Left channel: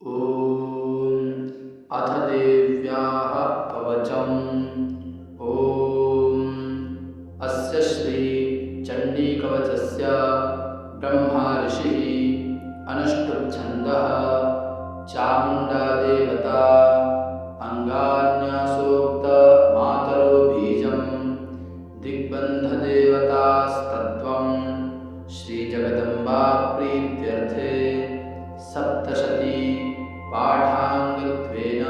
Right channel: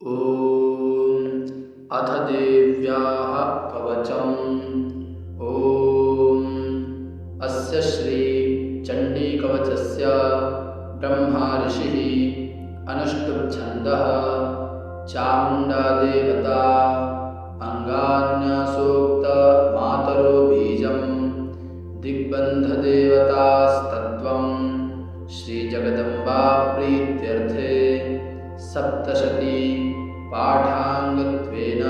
ॐ अथ देव्याः कवचम्। ॐ अस्य श्री चण्डीकवचस्य ब्रह्मा ऋषिः अनुष्टुप् चामुण्डा देवता अङ्गान्यासोक्त मातरो बीजं दिग्बन्धदेवतास्तत्त्वं श्रीजगदम्बा प्रीत्यर्थे सप्तशती पाठाङ्गत्वेन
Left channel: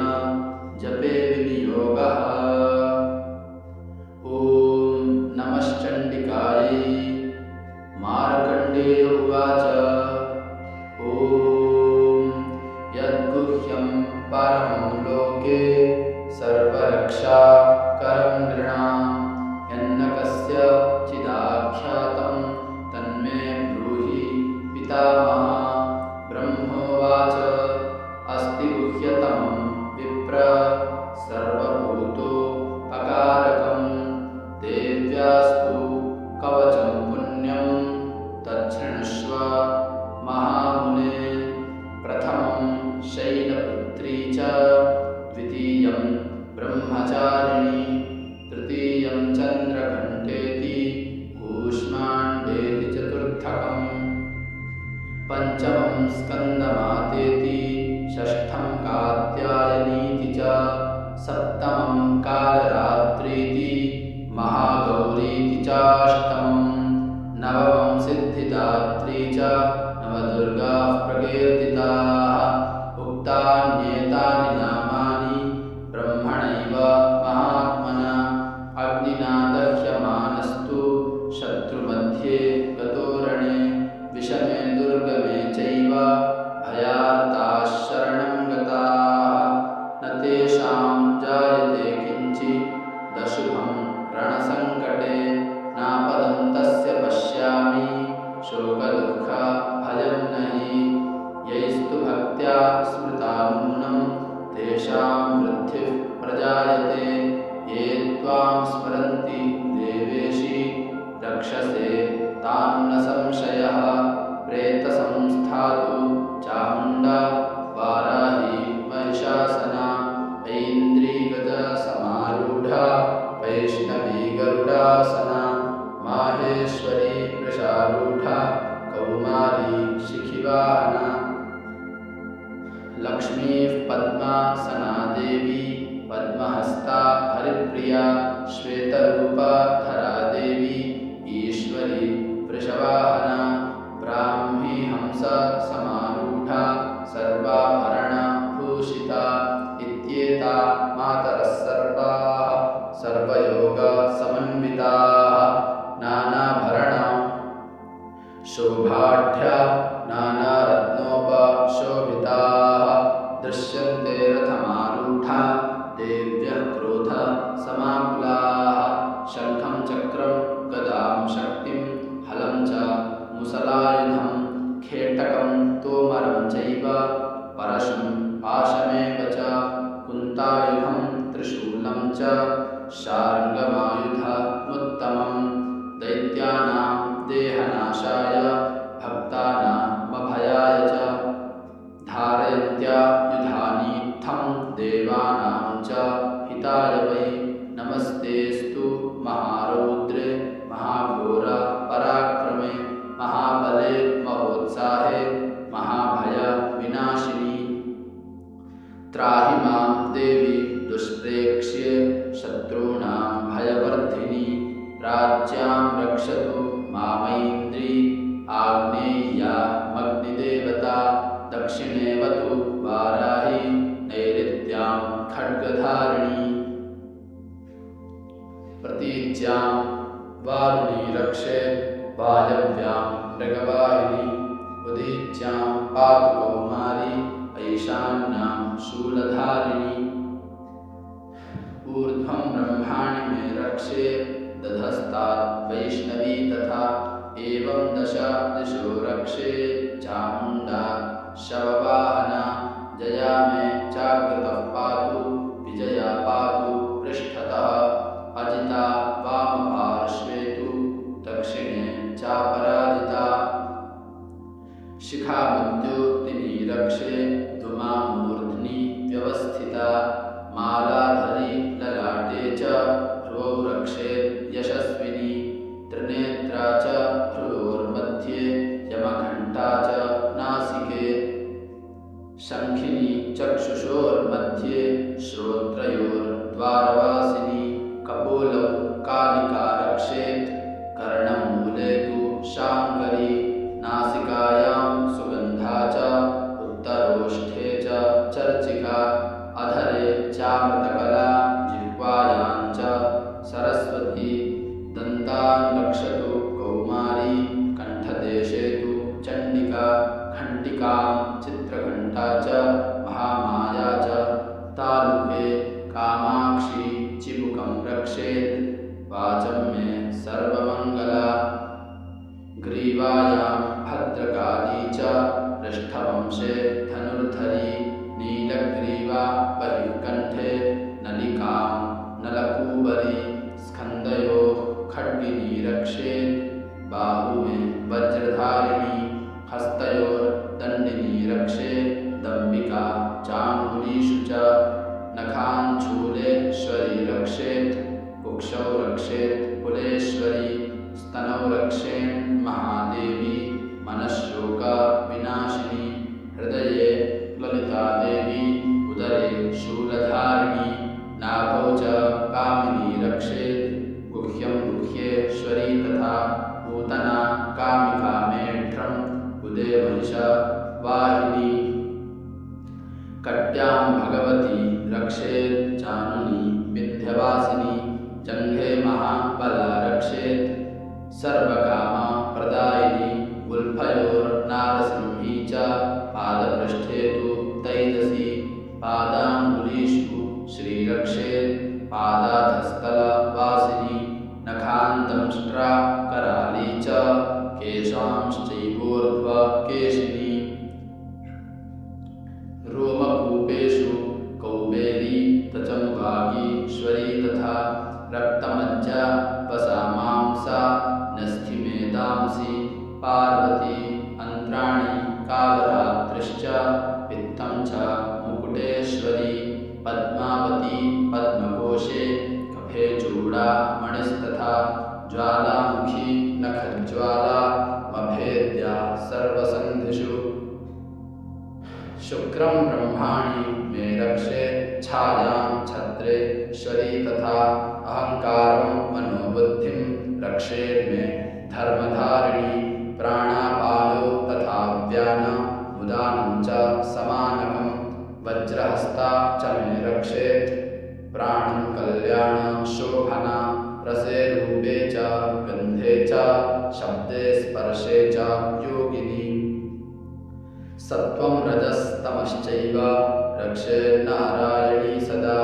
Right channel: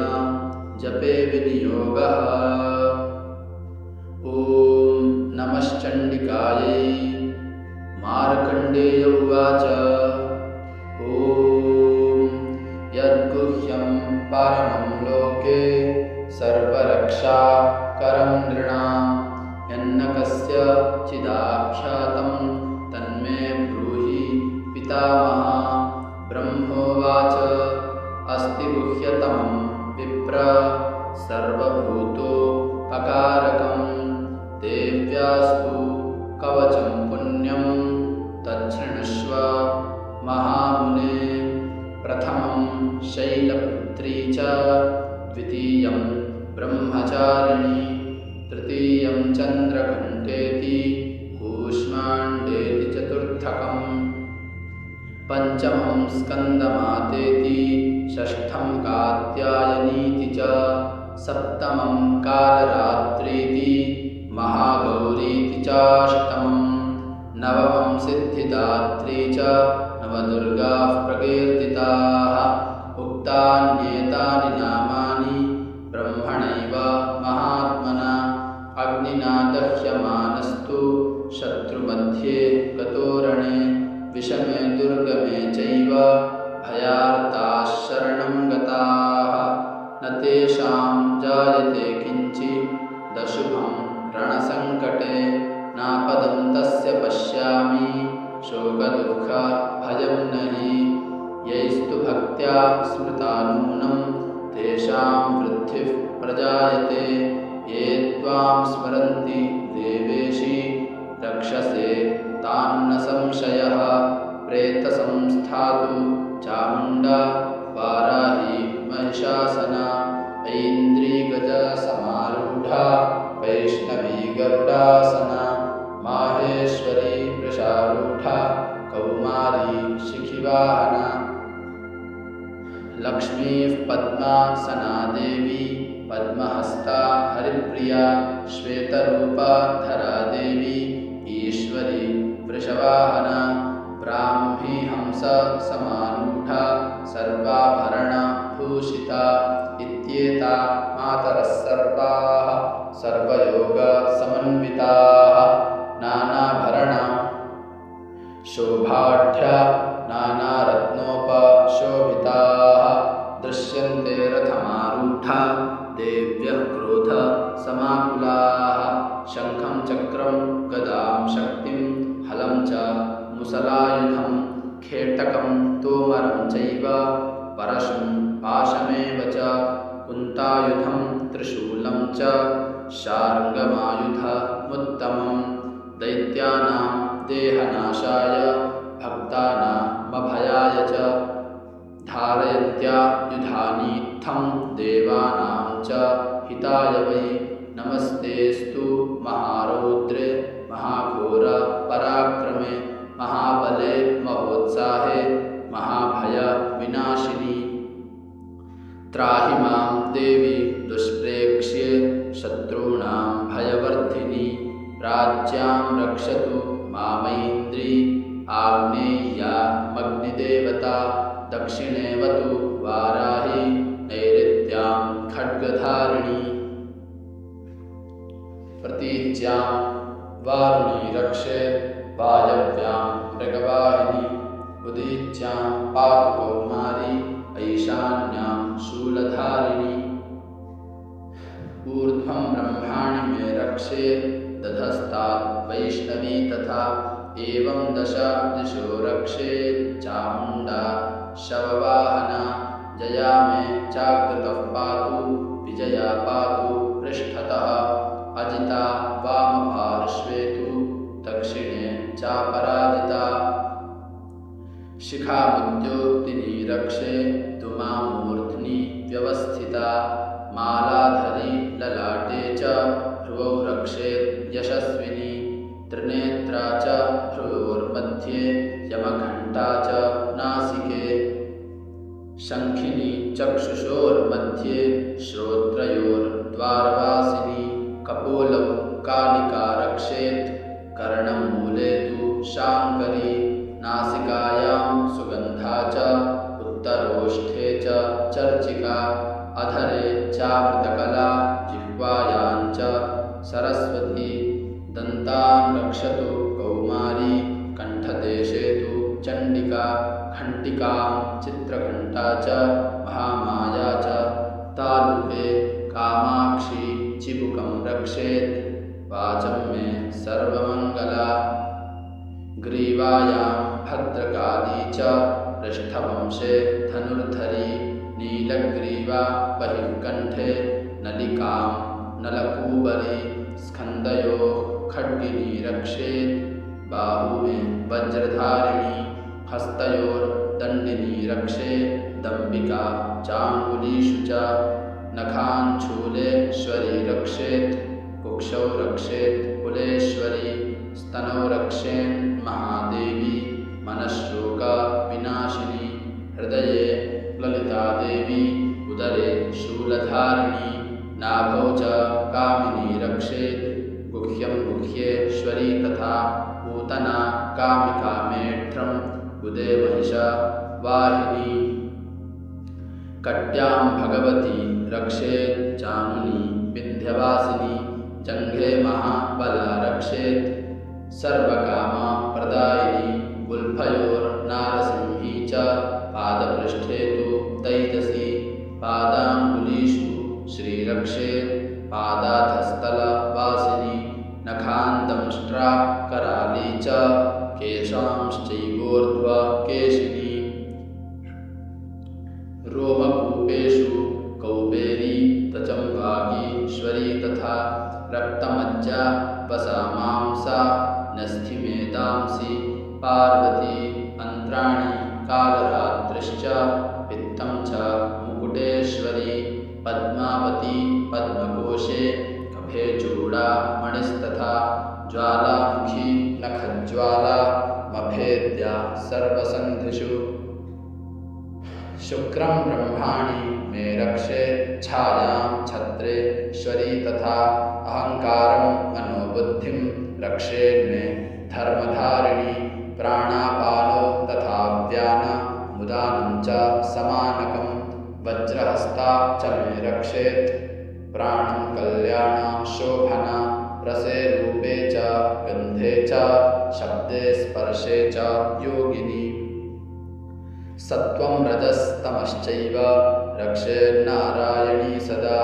जपे विनियोगः। ॐ नमश्चण्डिकायै। मार्कण्डेय उवाच। ॐ यद्गुह्यं परमं लोके सर्वरक्षाकरं नृणां यन्न कस्यचिदाख्यातं तन्मे ब्रूहि पितामह। ब्रह्मोवाच। अस्ति गुह्यतमं विप्र सर्वभूतोपकारकं देव्यास्तु कवचं पुण्यं तच्छृणुष्व महामुने। प्रथमं शैलपुत्री च द्वितीयं ब्रह्मचारिणी तृतीयं चन्द्रघण्टेति कूष्माण्डेति चतुर्थकम् पंचमं स्कन्दमातेति षष्ठं कात्यायनीति च सप्तमं कालरात्रीति महागौरीति चाष्टमं नवमं सिद्धिदात्री च नवदुर्गाः प्रकीर्तिताः। उक्तान्येतानि नामानि ब्रह्मणैव महात्मना अग्निना दह्यमानस्तु शत्रुमध्ये गतो रणे विषमे दुर्गमे चैव भयार्ताः शरणं गताः न तेषां जायते किञ्चिदशुभं रणसङ्कटे नापदं तस्य पश्यामि शोकदुःखभयं न हि यैस्तु भक्त्या स्मृता नूनं तेषां वृद्धिः प्रजायते ये त्वां स्मरन्ति देवेशि रक्षसे तान्न संशयः। प्रेतसंस्थातु चामुण्डा वाराही महिषासना ऐन्द्रीगजसमारूढा वैष्णवी गरुडासना माहेश्वरी वृषारूढा कौमारी शिखिवाहना लक्ष्मीः पद्मासना देवी पद्महस्ता हरिप्रिया श्वेतरूपा धरा देवी ईश्वरी वृषवाहना ब्राह्मी हंस समारूढा सर्वाभरणभूषिता इत्येता मातरः सर्वाः सर्वयोगसमन्विताः नानाभरणा शोभाढ्या नानारत्नोपशोभिताः दृश्यन्ते रथमारूढा देव्यः क्रोधसमाकुलाः शङ्खं चक्रं गदां शक्तिं हलं च मुसलायुधं खेटकं तोमरं चैव परशुं पाशमेव च कुन्तायुधं त्रिशूलं च शार्ङ्गमायुधमुत्तमं दैत्यानां देहनाशाय भक्तानामभयाय च धारयन्त्या युधानीत्थं देवानां च हिताय वै नमस्तेस्तु महारौद्रे महाघोर पराक्रमे महाबले महोत्साहे महाभय विनाशिनी त्राहि मां देवी दुष्प्रेक्ष्ये शत्रूणां भयवर्धिनी प्राच्यां रक्षतु मामैन्द्री आग्नेय्यामग्निदेवता दक्षिणेवतु वाराही नैऋत्यां खड्गधारिणी प्रतीच्यां वारुणी रक्षेत् वायव्यां मृगवाहिनी उदीच्यां पातु कौमारी ऐशान्यां शूलधारिणी ऊर्ध्वं ब्रह्माणि मे रक्षेत् दधस्तात् वैष्णवी तथा एवं दश दिशो रक्षेत् चामुण्डा शववाहना जया मे चाग्रतः पातु विजया पातु पृष्ठतः अजिता वामपार्श्वे तु दक्षिणे चापराजिता शिखामद्योतिनी रक्षे दुमामूर्ध्नि व्यवस्थिता मालाधरी ललाटे च भ्रुवौ रक्षेत् यशस्विनी त्रिनेत्रा च भ्रुवोर्मध्ये यमघण्टा च नासिके शङ्खिनी चक्षुषोर्मध्ये श्रोत्रयोर्द्वारवासिनी कपोलौ कालिका रक्षेत् कर्णमूले तु शाङ्करी नासिकायां सुगन्धा च उत्तरोष्ठे च चर्चिका अधरे चामृतकला जिह्वायां च सरस्वती दन्तान् रक्षतु कौमारी कण्ठदेशे तु चण्डिका घण्टिकां चित्रघण्टा च महामाया च तालुके कामाक्षी चिबुकं रक्षेत् वाचं मे सर्वमङ्गला ग्रीवायां भद्रकाली च पृष्ठवंशे धनुर्धरी नीलग्रीवा बहिर्कण्ठे नलिकां नलकूबरी स्कन्धयोः खड्गिनी रक्षेत् बाहु मे वज्रधारिणी हस्तयोर्दण्डिनी रक्षेत् दम्बिका चाङ्गुलीषु च नखाञ्छूलेश्वरी रक्षेत् कुक्षौ रक्षेत् कुलेश्वरी स्तनौ रक्षेन्महादेवी मनश्शोकविनाशिनी हृदये ललितादेवी उदरे शूलधारिणी नाभौ च कामिनी रक्षेत् गुह्यं गुह्येश्वरी तथा पूतना कामिका मेढ्रम् उदे महिषवाहिनी कट्यां भगवती रक्षेत् चानुनी विन्ध्यवासिनी जङ्घे महाबला रक्षेत् सर्वकामा प्रदायिनी गुल्फयोर्नारसिंही च पादपृष्ठे तु तैजसी पादाङ्गुलीषु श्रीरक्षेत् पादाधस्थलवासिनी नखान्दंष्ट्रा कराली च केशांश्चैवोर्ध्वकेशिनी रोमकूपेषु कौबेरी तचम्बाकीश्वरी तथा रक्तमज्जा वसामांसा न्यस्थिमेदांसि पार्वती अन्त्राणि कालरात्रिश्च पित्तं च मुकुटेश्वरी पद्मावती पद्मकोशे कफे चूडामणिस्तथा ज्वालामुखी नखज्वाला मभेद्या सर्वसन्धिषु शुक्रं ब्रह्माणि मे रक्षे छायां छत्रेश्वरी तथा अहङ्कारं मनोबुद्धिं रक्षेन्मे धर्मधारिणी प्राणापानो तथा व्यानमुदानं च समानकं वज्रहस्ता च मे रक्षेत् प्राणं कल्याणशोभना रसे रूपे च गन्धे च शब्दे स्पर्शे च योगिनी सत्वं रजस्तमश्चैव रक्षेन्नारायणी सदा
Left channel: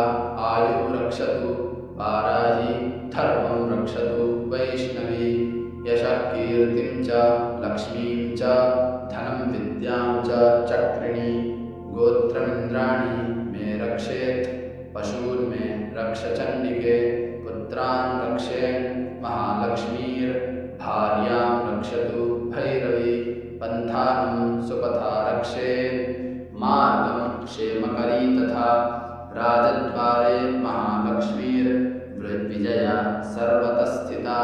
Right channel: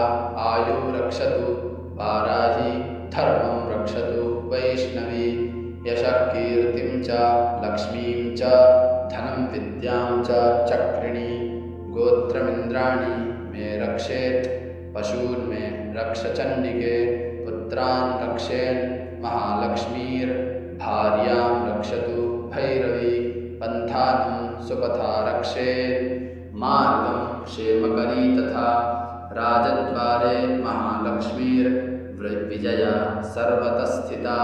आयु रक्षतु वाराही धर्मं रक्षतु वैष्णवी यशः कीर्तिं च लक्ष्मीं च धनं विद्यां च चक्रिणी गोत्रमिन्द्राणि मे रक्षेत् पशून् मे रक्ष चण्डिके पुत्रान् रक्षेन् महालक्ष्मीर्भार्यां रक्षतु भैरवी पन्थानं सुपथा रक्षेत् मार्गं क्षेमकरी तथा राजद्वारे महालक्ष्मीर्विजया सर्वतस्थिता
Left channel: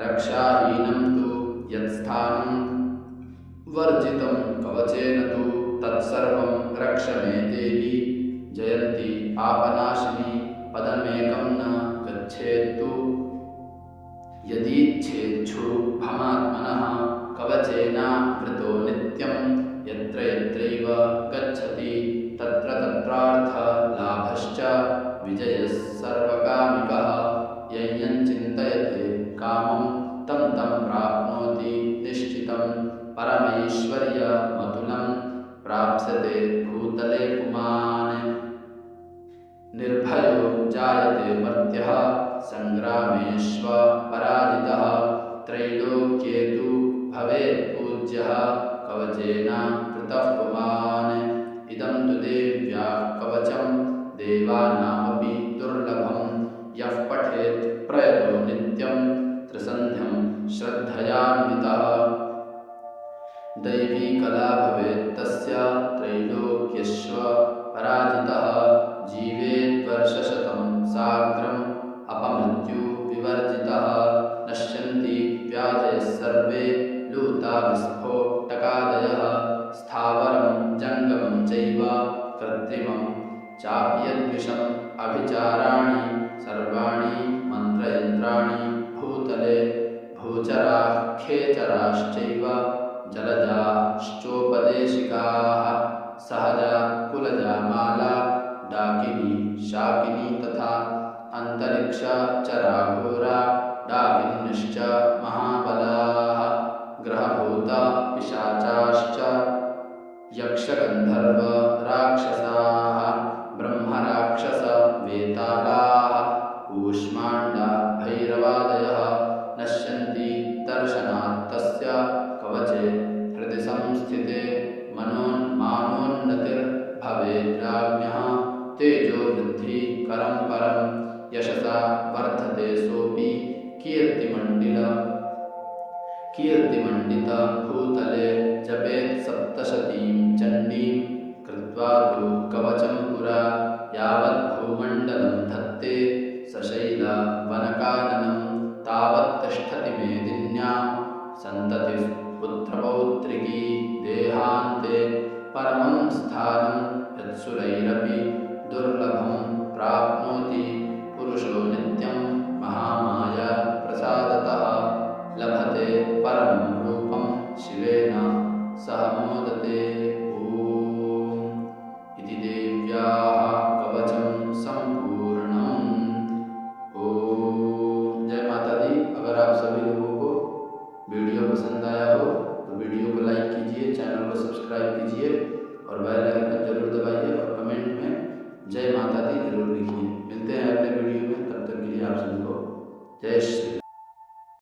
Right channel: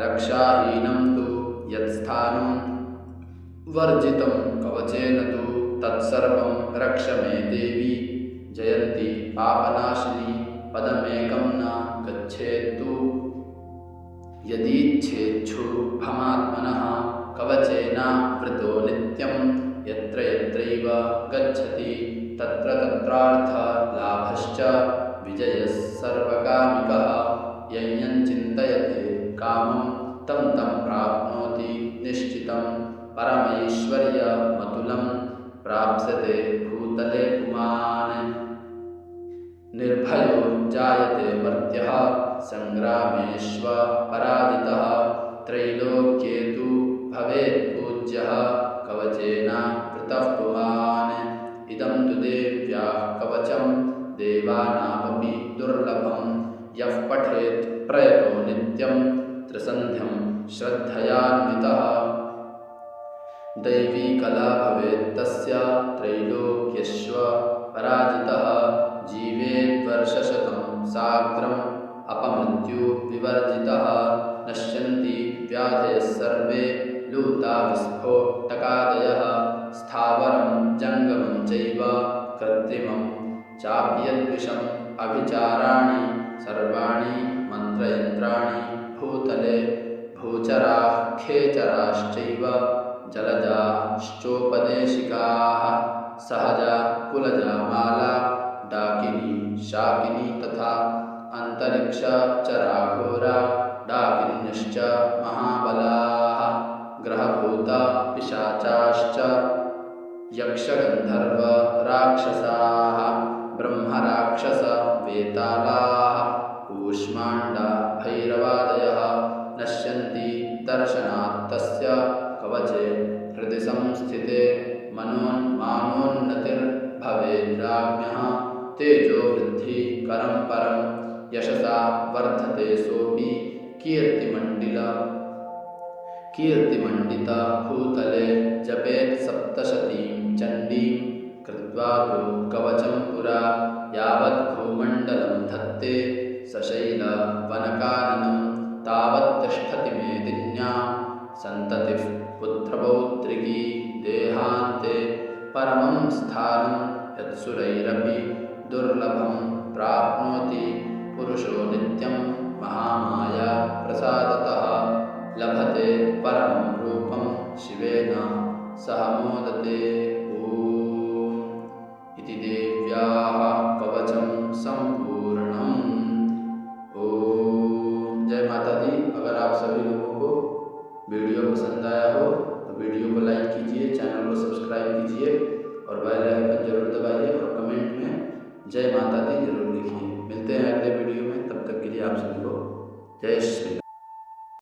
रक्षाहीनं तु यत्स्थानं वर्जितं कवचेन तु तत्सर्वं रक्ष मे देवी जयन्ती पापनाशिनी पदमेकं न गच्छेत्तु यदीच्छेच्छुभमात्मनः कवचेनावृतो नित्यं यत्र यत्रैव गच्छति तत्र तत्रार्थलाभश्च विजयः सर्वकामिकः यं चिन्तयते कामं तं तं प्राप्नोति निश्चितं परमैश्वर्यमतुलं प्राप्स्यते भूतले पुमान् निर्भयो जायते मर्त्यः सङ्ग्रामेष्वपराजितः त्रैलोक्ये तु भवेत् पूज्यः कवचेनावृतः पुमान् इदं तु देव्या कवचं देवानामपि दुर्लभं यः पठेत् प्रयतो नित्यं त्रिसन्ध्यं श्रद्धयान्वितः दैवी कला भवेत् तस्य त्रैलोक्यश्व पराजितः जीवेत् वर्षशतं साग्रम् अपमृत्यु विवर्जितः नश्यन्ति व्याधयः सर्वे लूता विस्फोटकादयः स्थावरं जङ्गमं चैव कृत्रिमं चापि यद्विषम् अभिचाराणि सर्वाणि मन्त्रयन्त्राणि भूतले भूचराः खेचराश्चैव जलजाश्चोपदेशिकाः सहजा कुलजा माला डाकिनी शाकिनी तथा अन्तरिक्षचराघोरा डाकिन्यश्च महाबलाः ग्रहभूता पिशाचाश्च यक्षगन्धर्व राक्षसाः ब्रह्मराक्षस वेतालाः कूष्माण्डा भैरवादयः नश्यन्ति दर्शनात् तस्य कवचे हृदि संस्थिते मानोन्नतिर्भवेद्राज्ञः तेजो वृद्धि करं परं यशसा वर्धते सोऽपि कीर्तिमण्डित भूतले जपेत् सप्तशतीं चण्डीं कृत्वा तु कवचं पुरा यावत् भूमण्डलं धत्ते सशैलवनकाननं तावत् तिष्ठति मेदिन्या सन्ततिः पुत्रपौत्रिकी देहान्ते परमं स्थानं यत्सुरैरपि दुर्लभं प्राप्नोति पुरुषो नित्यं महामाया प्रसादतः लभते परमं रूपं शिवेन सह मोदते। ॐ इति देव्याः कवचं सम्पूर्णम्। ॐ जय माता दी। अगर आप सभी लोगों को वीडियो पसंद आया हो तो वीडियो को लाइक कीजिए, चैनल को सब्सक्राइब कीजिए और बेल आइकन जरूर दबाइए और कमेंट में जय माता दी जरूर लिखिए। मिलते हैं अगले वीडियो में, तब तक के लिए आप सभी को जय श्री राम।